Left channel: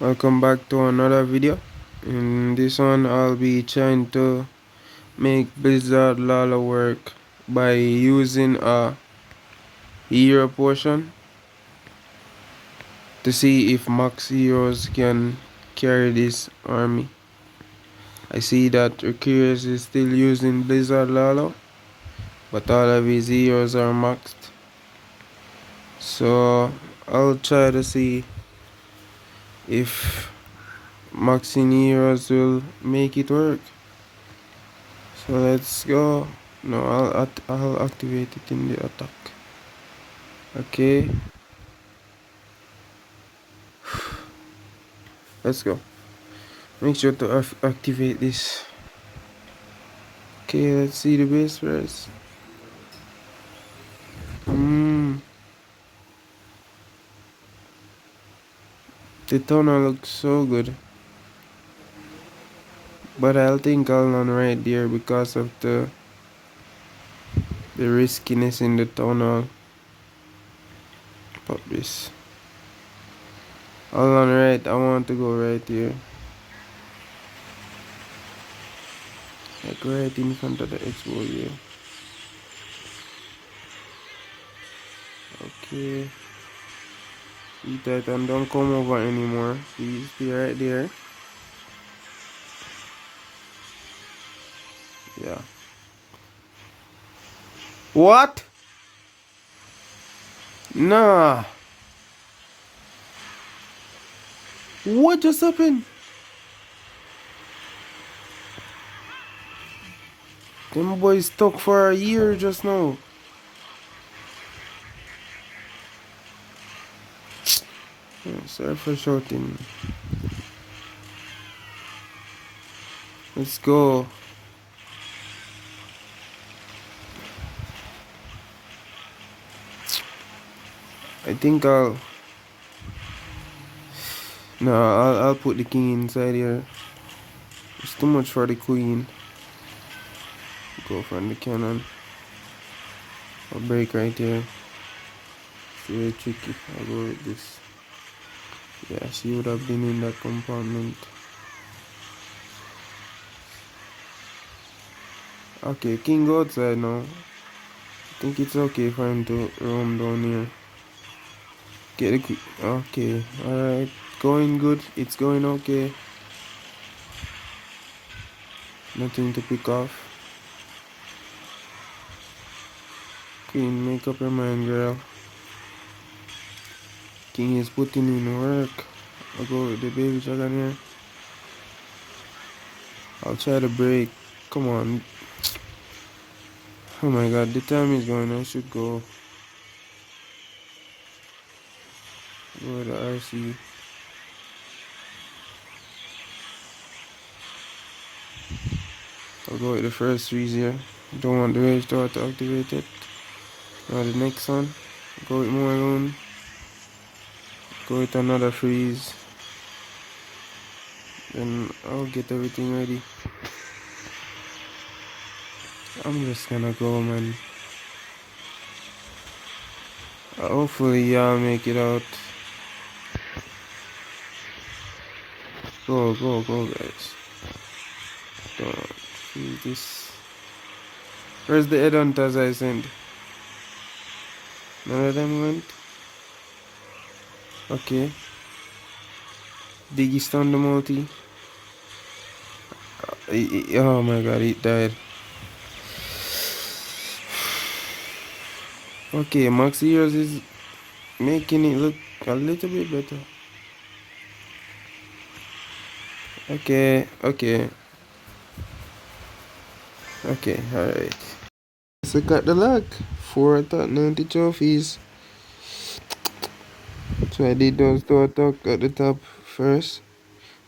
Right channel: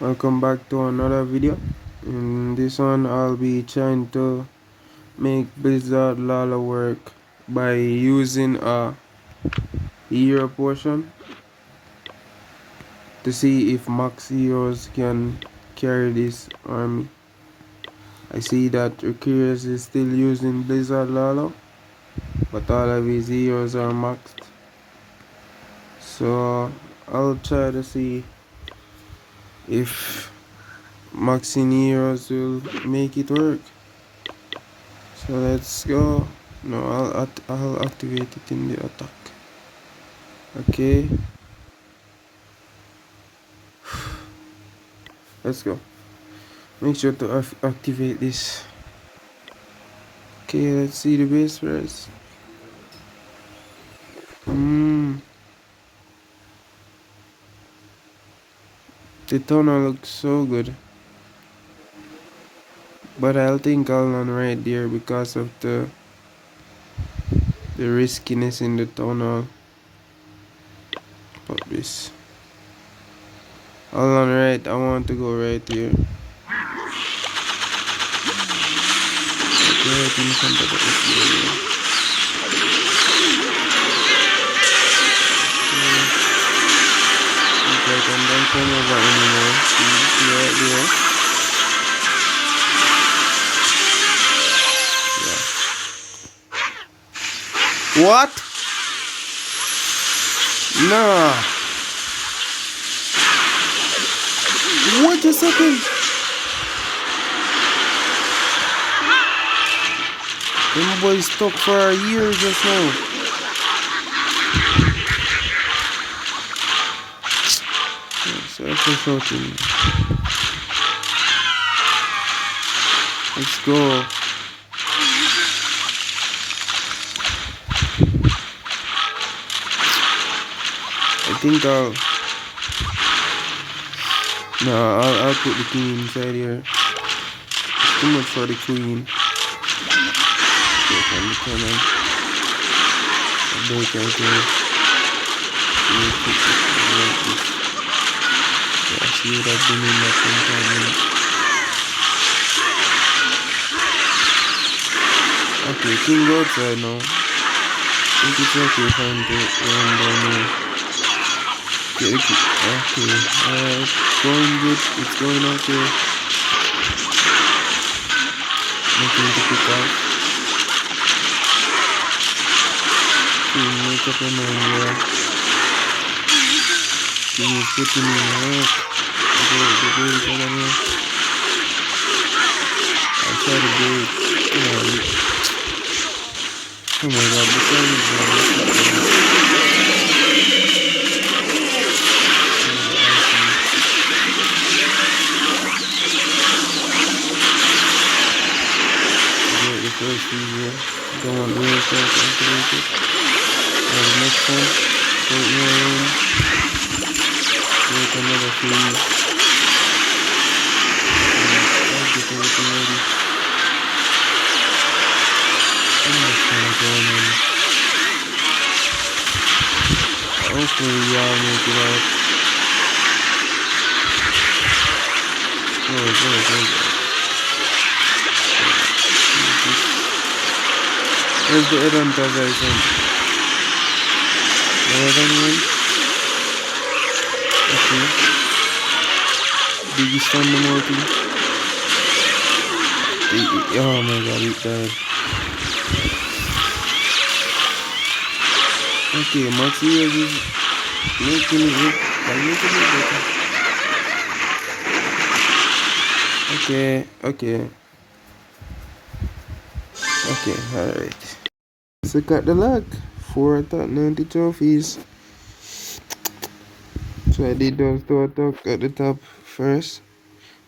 Welcome back to another video. In this one I'll be trying to make Blizzard Lalo work by using a hero potion to see if max heroes can carry this army. I see that Recurious is still using Blizzard Lalo, but all of his heroes are maxed. So I'll try to see if maxing heroes will make it work. So let's go. No, I'll activate it in the attack. Okay, let's go. Make sure to activate this. Okay, let's see the base first. The tunnel looks so good, but I'll think I'll run right there because of the riskiness in the tunnel. Pop this. I'll run right. I want to go right here. Like right in front of the SEO here. Okay. Okay, and don't come over anymore. See right there. Yeah. What? Nah. What just happened? Them boys stuck for a year just now. Yeah, sorry for shouting. Let's go. I think I'll put the king inside here. It's too much for the queen. Okay, from the cannon. I'll break right here. Really quick this. Yeah, she would have been in that compartment. Okay, king go outside now. I think it's okay for him to run down here. Get the key. Okay, alright. Going good. It's going okay. Nothing to pick off. Make up your mind, yeah. King is putting in work. The break again here. Outside the break. Come on. Oh my god, the time is on. Let's go. Oh, the RC. I'll go with the first freeze here. Don't want the rail start to activate it. Now the next one. Go with more room. Go with another freeze. And I'll get everything ready. I'm just gonna go, man. Hopefully y'all make it out. Go, guys. Where's the headhunters I sent? No anyone? Okay. Biggest on the multi. Oh my god, it died. Okay, Max Heroes is making it look a little bit better. Okay, alright. So got the luck. 4 attack, 90 trophies. So I did those 2 attack at the top first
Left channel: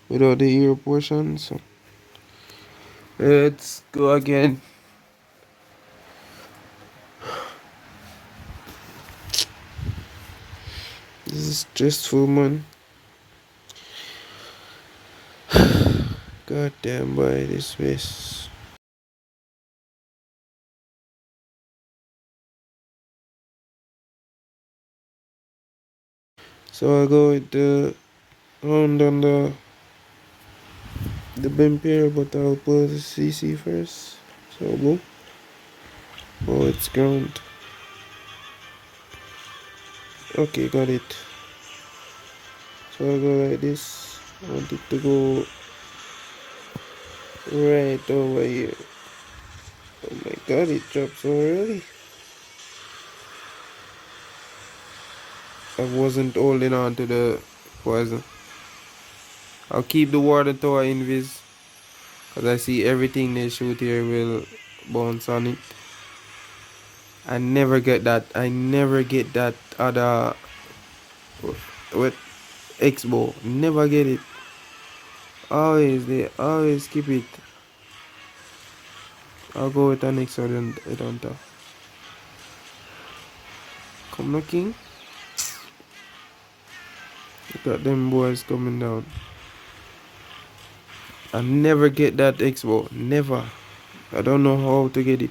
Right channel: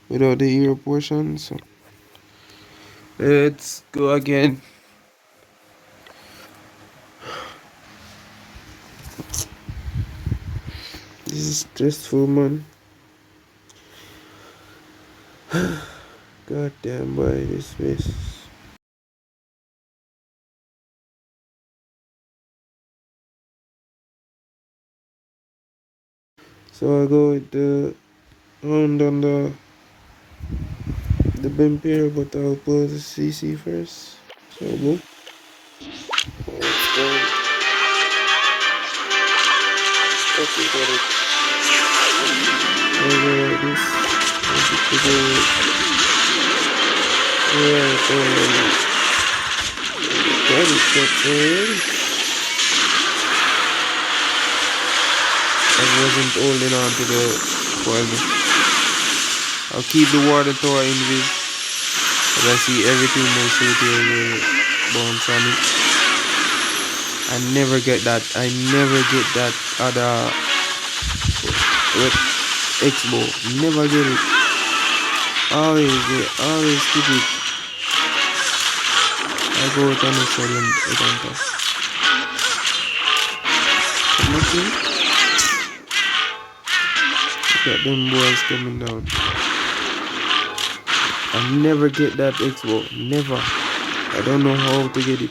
without the hero portion. So let's go again. This is stressful, man. Goddamn boy, this race. So I'll go with the round on the bumper, but I'll pull the CC first. So boom. Oh, it's gone. Okay, got it. I'll go like this. I want it to go right already. Got it, that's already. I wasn't holding on to the poison. I'll keep the water tower invis, as I see everything they shoot here will bounce on it. I never get that. I never get that other with X-bow. Never get it. Always keep it. I'll go with an excellent on top. Come on, king. Look at them boys coming down. I never get that X-bow. Never. I don't know how to get it.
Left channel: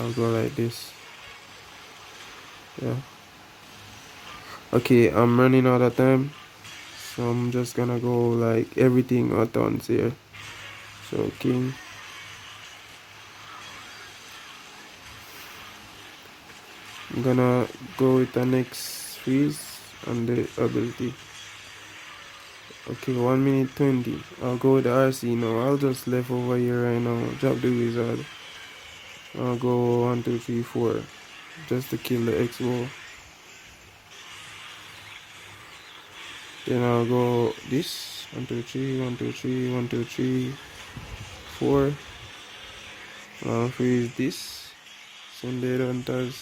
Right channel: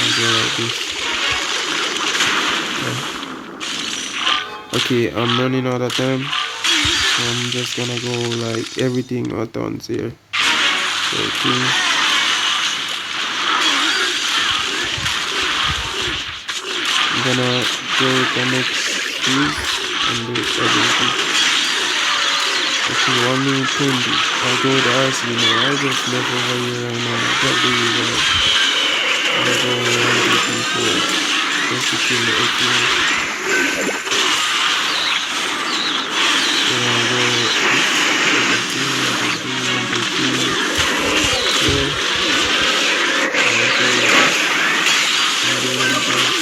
I'll go like this. Yeah. Okay, I'm running out of time. So I'm just gonna go like everything at once here. So king. I'm gonna go with the next piece and the ability. Okay, 1 minute 20. I'll go with the RC now. I just left over here right now. Drop the guys. I'll go 1, 2, 3, 4. Just to kill the X-ray. Then I'll go this. 1, 2, 3, 1, 2, 3, 1, 2, 3, 4. I'll go this. And do them guys.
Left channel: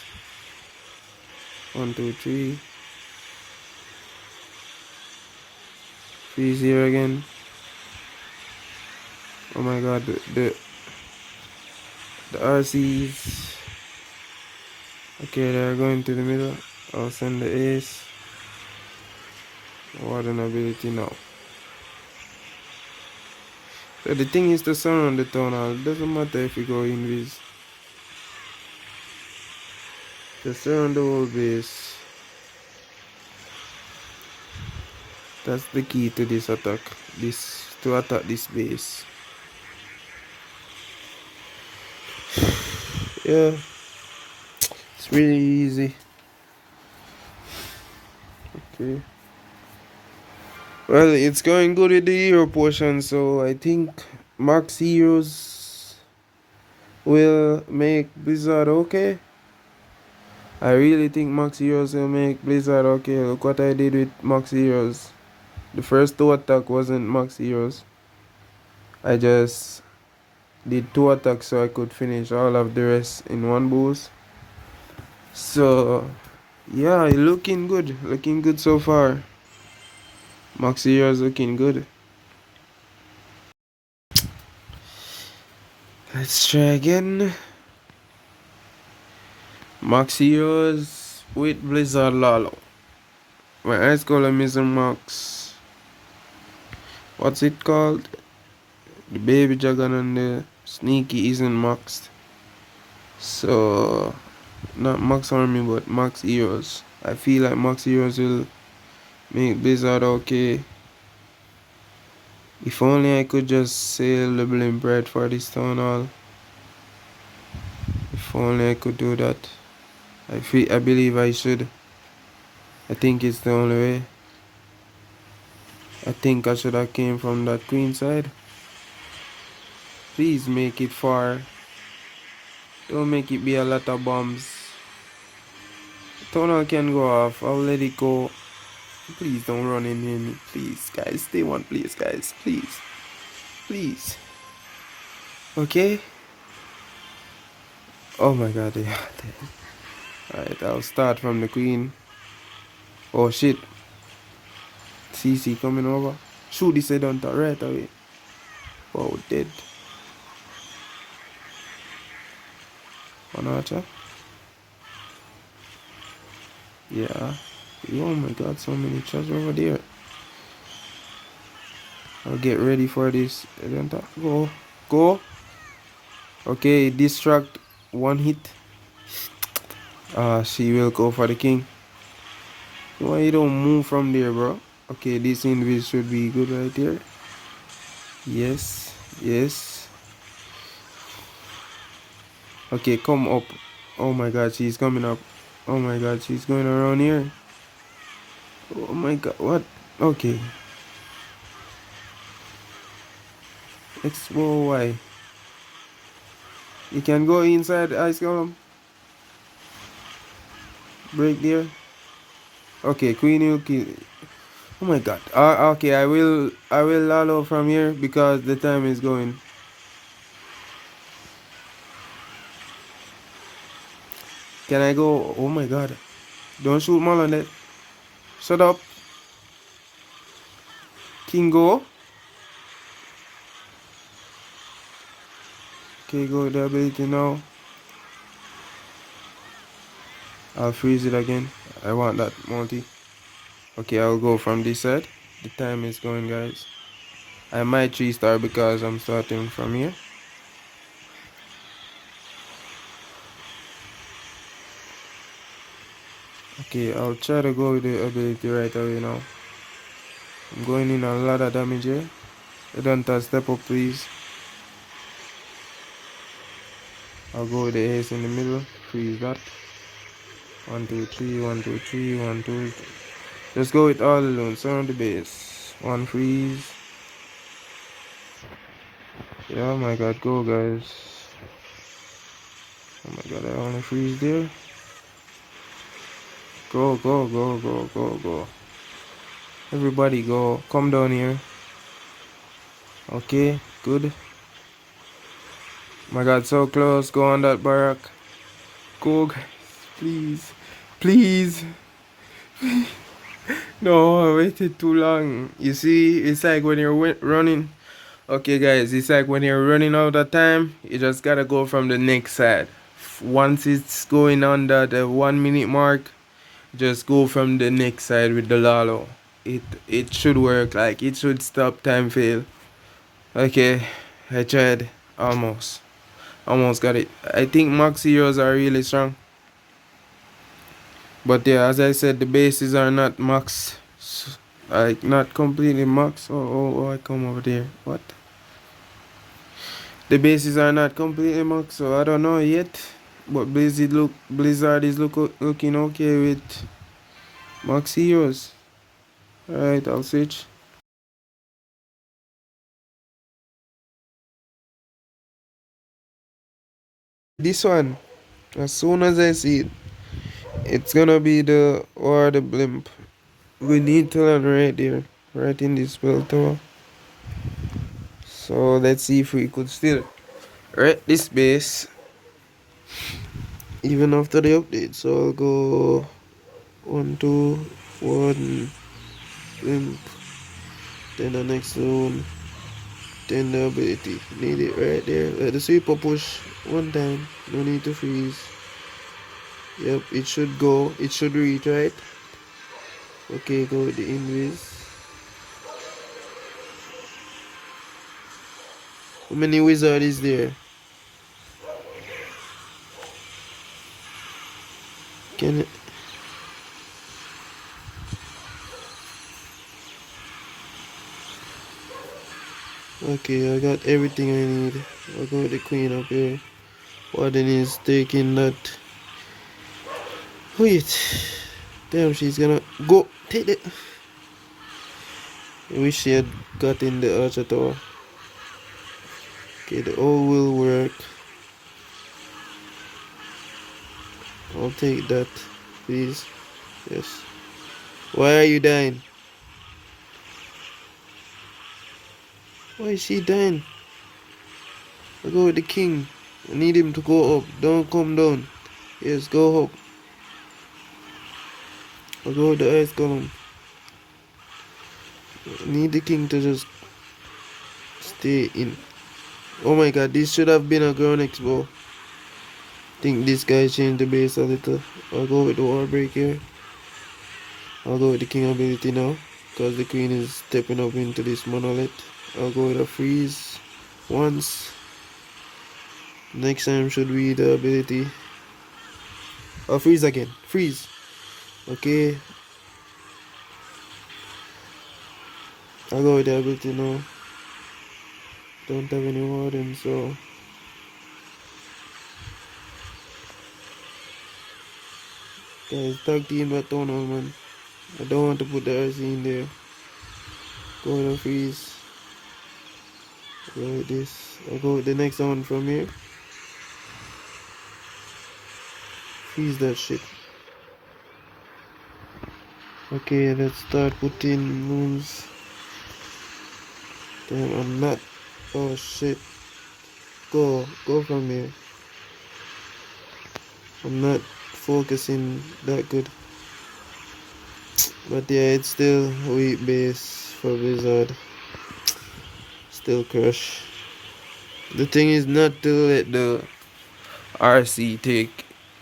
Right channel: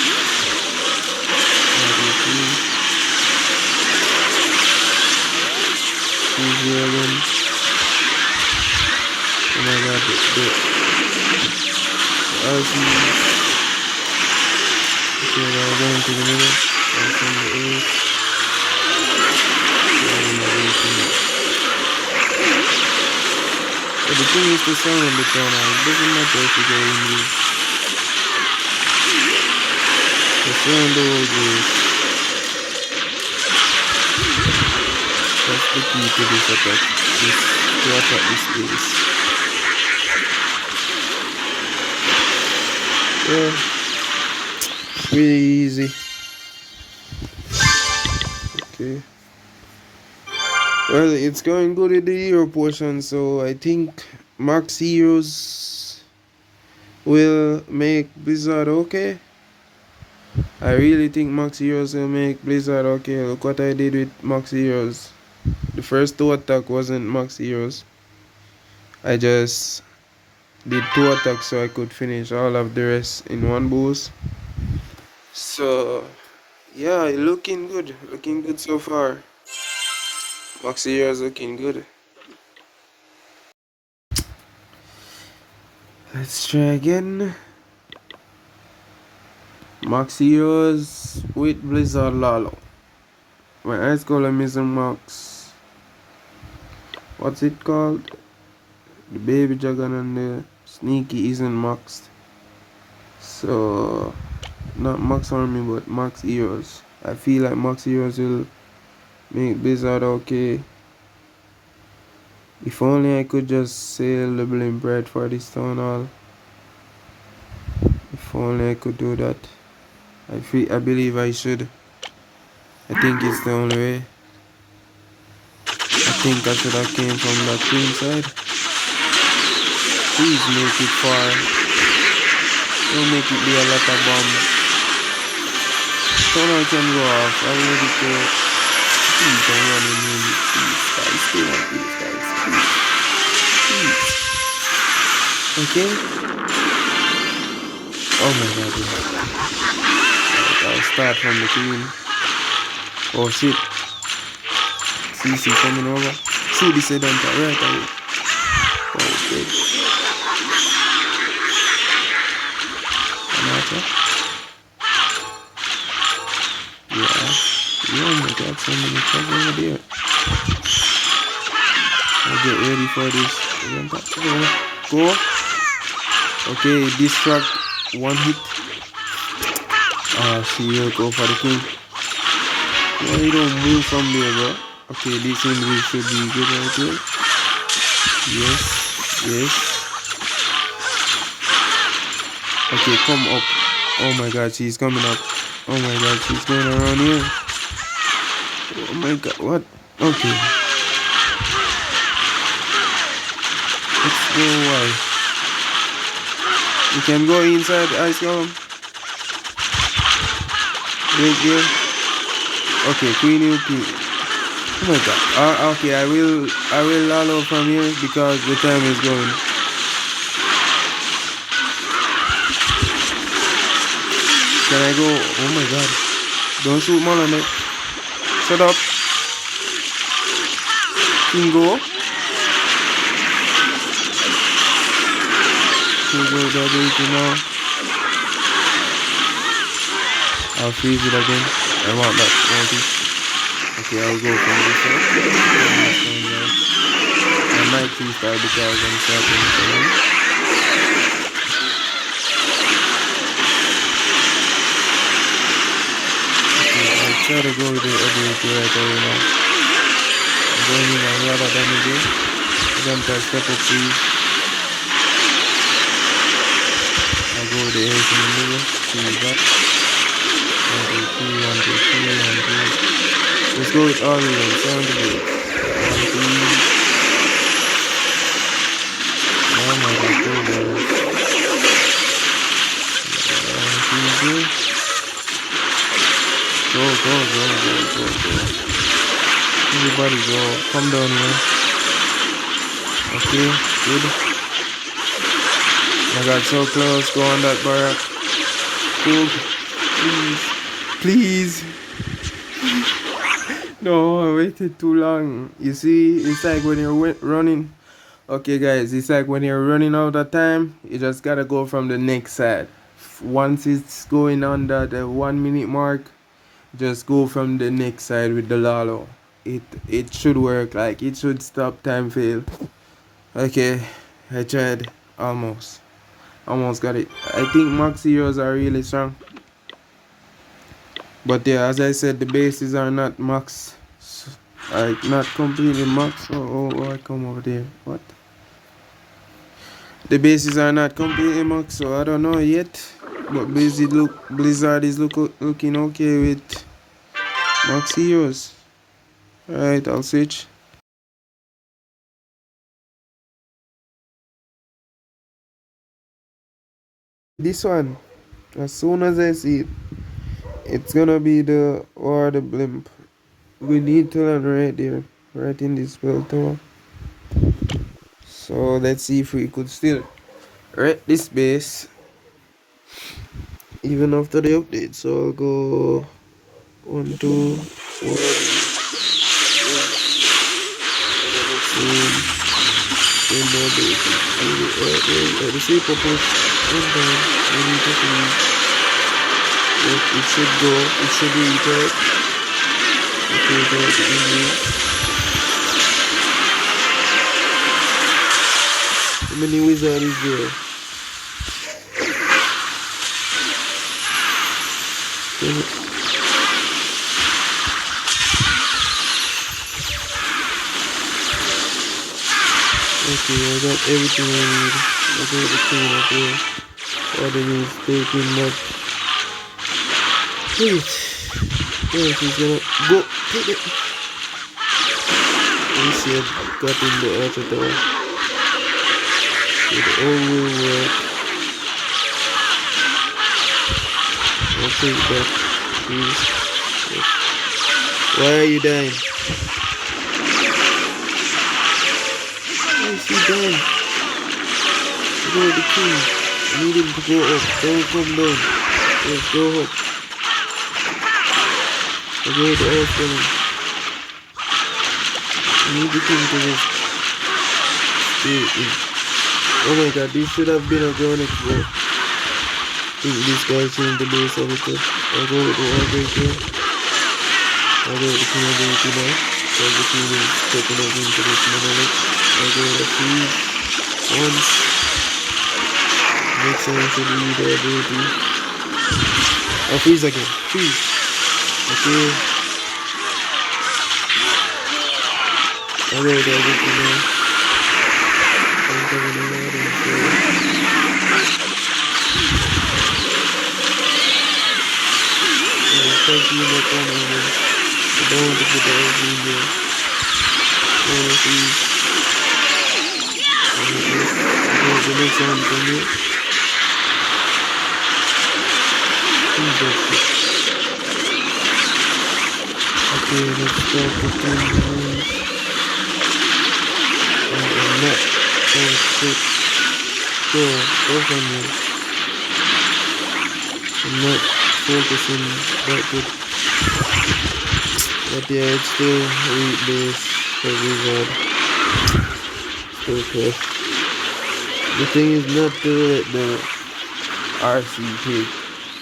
1, 2, 3. He's here again. Oh my god, the RCs. Okay, they're going to the middle. I'll send the ace. I don't know where to now. So the thing is to surround the town now. It doesn't matter if you go in this. To surround the whole base. That's the key to this attack. To attack this base. Yeah. It's really easy. Okay. Well, it's going good with the hero portion, so I think max heroes will make Blizzard okay. I really think max heroes will make Blizzard okay. Look what I did with max heroes. The first 2 attack wasn't max heroes. I just did 2 attacks so I could finish all of the rest in 1 boost. So yeah, looking good so far. Max heroes looking good. Let's try again. Max heroes with Blizzard Lalo. My ice column is max. What's it called? The baby dragon and the sneaky isn't maxed. So not max army but max heroes. I feel like max heroes will make Blizzard okay. If only I could just sail the blimp right for this town hall. If only I could do that. I believe I should. I think it's the only way. I think I should have came from that queen side. Please make it far. Don't make it be a lot of bombs. Town hall can go off. I'll let it go. Please don't run in here. Please, guys. Stay one place, guys. Please. Please. Okay? Oh my god, yeah. Alright, I'll start from the queen. Oh shit. CC coming over. Shoot this head on top right away. Oh, dead. Another. Yeah. Oh my god, so many trucks over there. I'll get ready for this. Go. Go. Okay, distract. One hit. She will go for the king. Why you don't move from there, bro? Okay, this invis should be good right here. Yes. Yes. Okay, come up. Oh my god, she's coming up. Oh my god, she's going around here. Oh my god, what? Okay. Let's go. Why? You can go inside the ice column. Right there. Okay, Queenie will kill. Oh my god. Okay, I will Lalo from here because the time is going. Can I go? Oh my god. Don't shoot Marlon there. Shut up. King go. King go the ability now. I'll freeze it again. I want that multi. Okay, I'll go from this side. The time is going, guys. I might 3-star because I'm starting from here. Okay, I'll try to go with the ability right away now. I'm going in a lot of damage here. I don't step up, please. I'll go with the ace in the middle. See that. 1, 2, 3, 1, 2, 3, 1, 2. Let's go with all of them. 70 base. 1, 3. Oh my god, go guys. Oh my god, I wanna freeze here. Go, go, go, go, go, go. Everybody go. Come down here. Okay, good. Oh my god, so close. Go on that barrack. Go. Please. Please. No, I waited too long. You see, it's like when you're running. Okay, guys, it's like when you're running out of time, you just gotta go from the next side. Once it's going under the 1 minute mark, just go from the next side with the Lalo. It should work. Like it should stop time fail. Okay, I tried. Almost got it. I think max heroes are really strong. But yeah, as I said, the bases are not max. Like not completely max. Oh, I come over there. What? The bases are not completely max, so I don't know yet. But Blizzard is looking okay with max heroes. Alright, I'll switch. This one, as soon as I see it, it's gonna be the blimp. We need to learn right there, right in this spell tower. So let's see if we could still rate this base even after the update. So I'll go 1, 2, 1, and the next one, then the ability. Right there, let the super push 1 time. We need to see. Yep, it should go. It should reach right. Okay, go with the injury. How many wizard is there? Can it? Okay, I got everything I need. I'll go with the king up here. Warden is taking that. Wait. Yeah, she's gonna go. Take it. We see it got in the archer tower. It all will work. I'll take that, please. Yes. Why are you dying? Why is he dying? I go with the king. I need him to go up. Don't come down. Yes, go up. I go with the ice cannon. I need the king to just stay in. Oh my god, this should have been a ground expo. I think this guy changed the base a little. I'll go with the wall break here. I'll go with the king ability now. Because the king is stepping up into this monolith. I'll go with a freeze. once. Next time should be the ability. Oh, freeze again. Freeze. Okay. Alright, I think you know. Don't have any more than so. Yeah, it's spiky in that corner, man. I don't want to put the egg in there. Don't want to freeze. Alright, this. Okay, the next one from here. Freeze that shit. Okay, let's start putting moons. And net. Oh shit. Go from here. I'm not focusing that good. But yeah, it's still weak base for Wizard. Still crush. The thing is not to let the RC take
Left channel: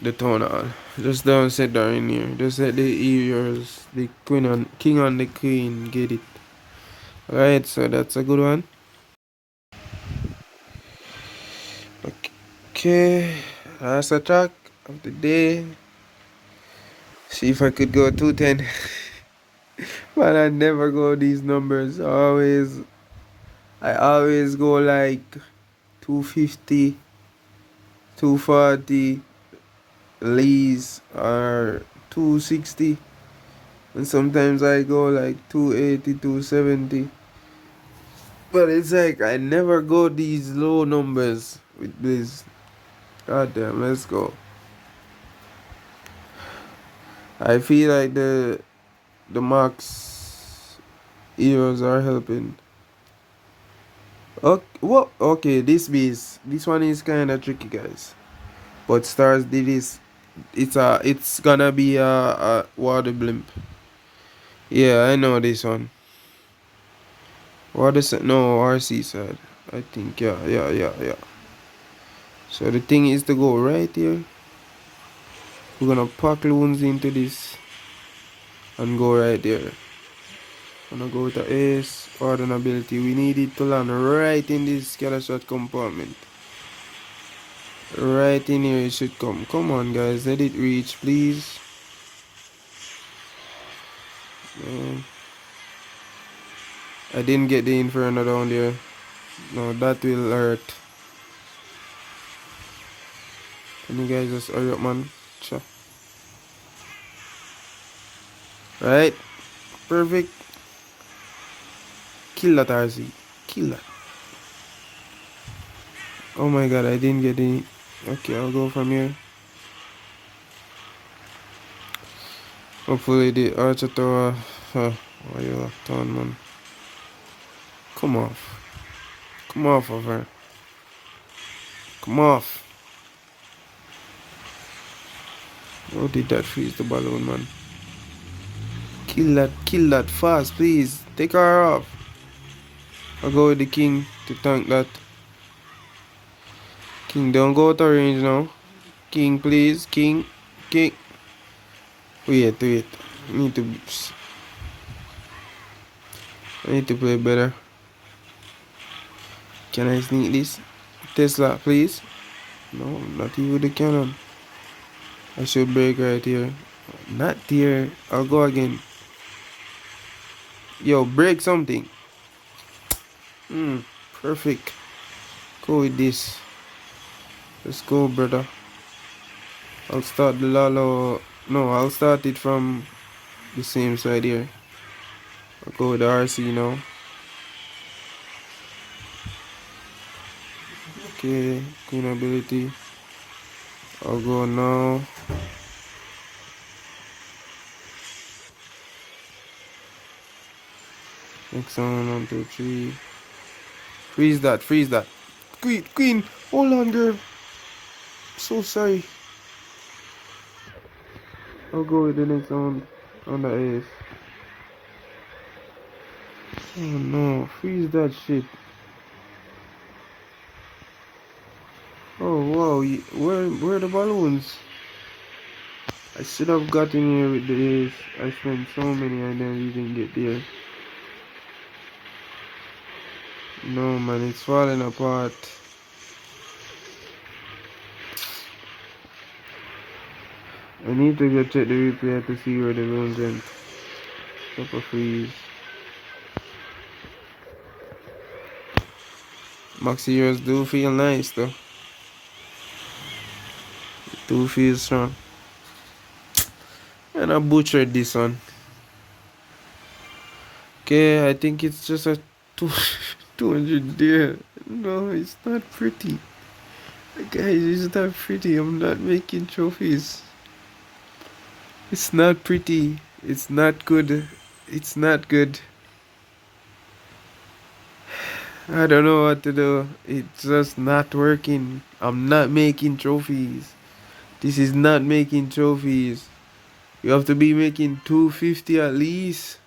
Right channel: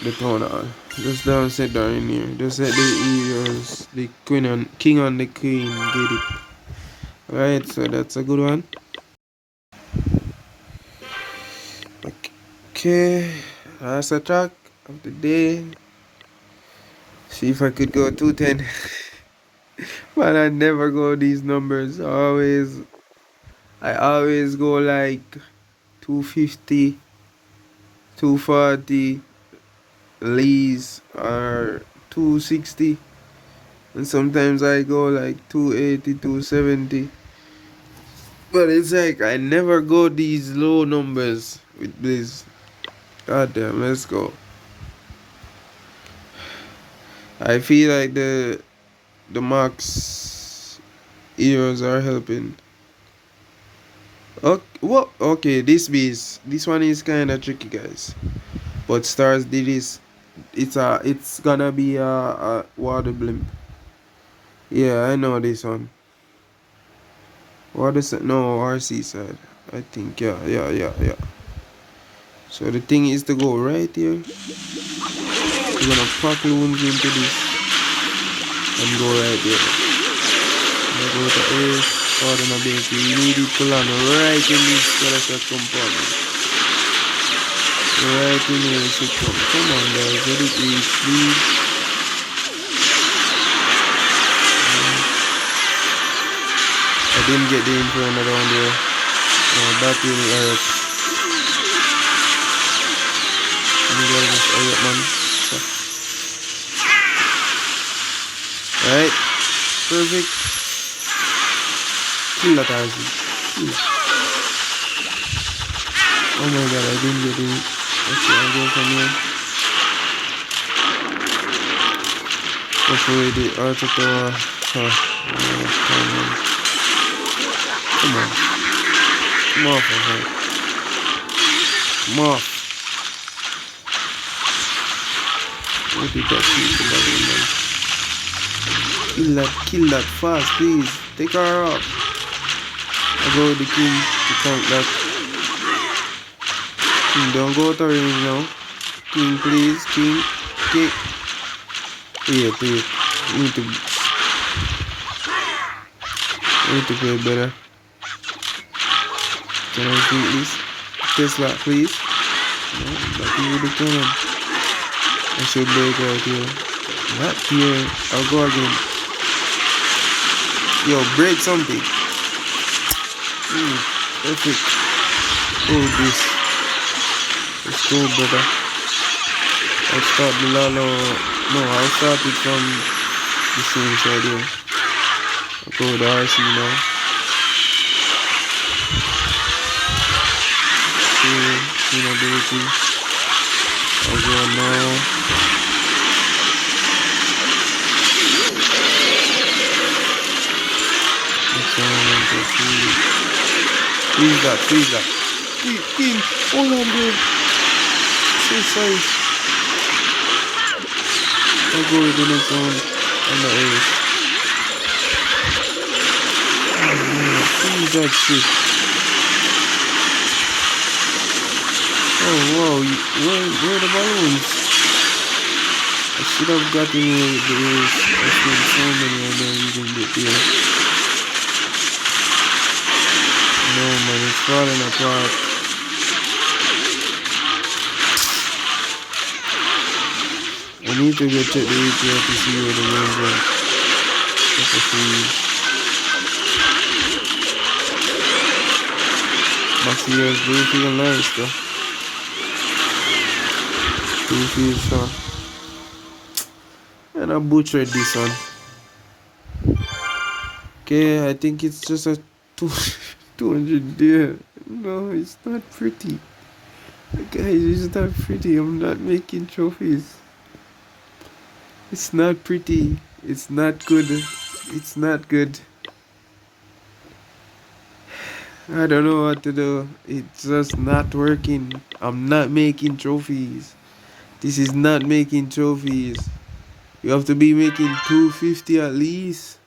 the tonal. Just don't sit down in here. Just let the heroes, the queen and king and the queen get it. Alright, so that's a good one. Okay, last attack of the day. See if I could go 210. But I never go these numbers. I always go like 250, 240, lees or 260. And sometimes I go like 280, 270. But it's like I never go these low numbers with this. God damn, let's go. I feel like the max heroes are helping. Okay, what? Okay, this one is kind of tricky, guys. But stars did this. It's gonna be a water blimp. Yeah, I know this one. Water side, no, RC side. I think yeah. So the thing is to go right here. We're gonna pack loons into this and go right there. I'm gonna go to ace, order and ability. We need it to land right in this character compartment. Right in here it should come. Come on guys, let it reach, please. I didn't get the inferno down there. No, that will hurt. You guys just hurry up, man. So. Right. Perfect. Kill that RC. Kill that. Oh my god, I didn't get it. Okay, I'll go from here. Hopefully the auto tower. Come on. Come on. Come off of her. Come off. What did that shoot the balloon, man? Kill that fast, please. Take her off. I go with the king to tank that. King, don't go to range now. King, please. King. Wait. I need to play better. Can I beat this? Tesla, please. No, not even the cannon. I should break right here. Not here. I'll go again. Yo, break something. Perfect. Go with this. Let's go, brother. I'll start the Lalo. No, I'll start it from the same side here. I'll go with the RC now. Okay, ability. I'll go now. Next one, 1, 2, 3. Freeze that. Queen, hold on there. So sorry. I'll go with the next one on the ace. Oh no, freeze that shit. Oh wow, where are the balloons? I should have gotten here with the ace. I spent so many, I know you can get there. No, man, it's falling apart. I need to go check the API to see where the game's went. What a freeze. Maxi years do feel nice though. Do feel strong. And I butchered this one. Okay, I think it's just a 200 there. No, it's not pretty. Guys, it's not pretty. I'm not making trophies. It's not pretty. It's not good. It's not good. I don't know what to do. It's just not working. I'm not making trophies. This is not making trophies. You have to be making 250 at least.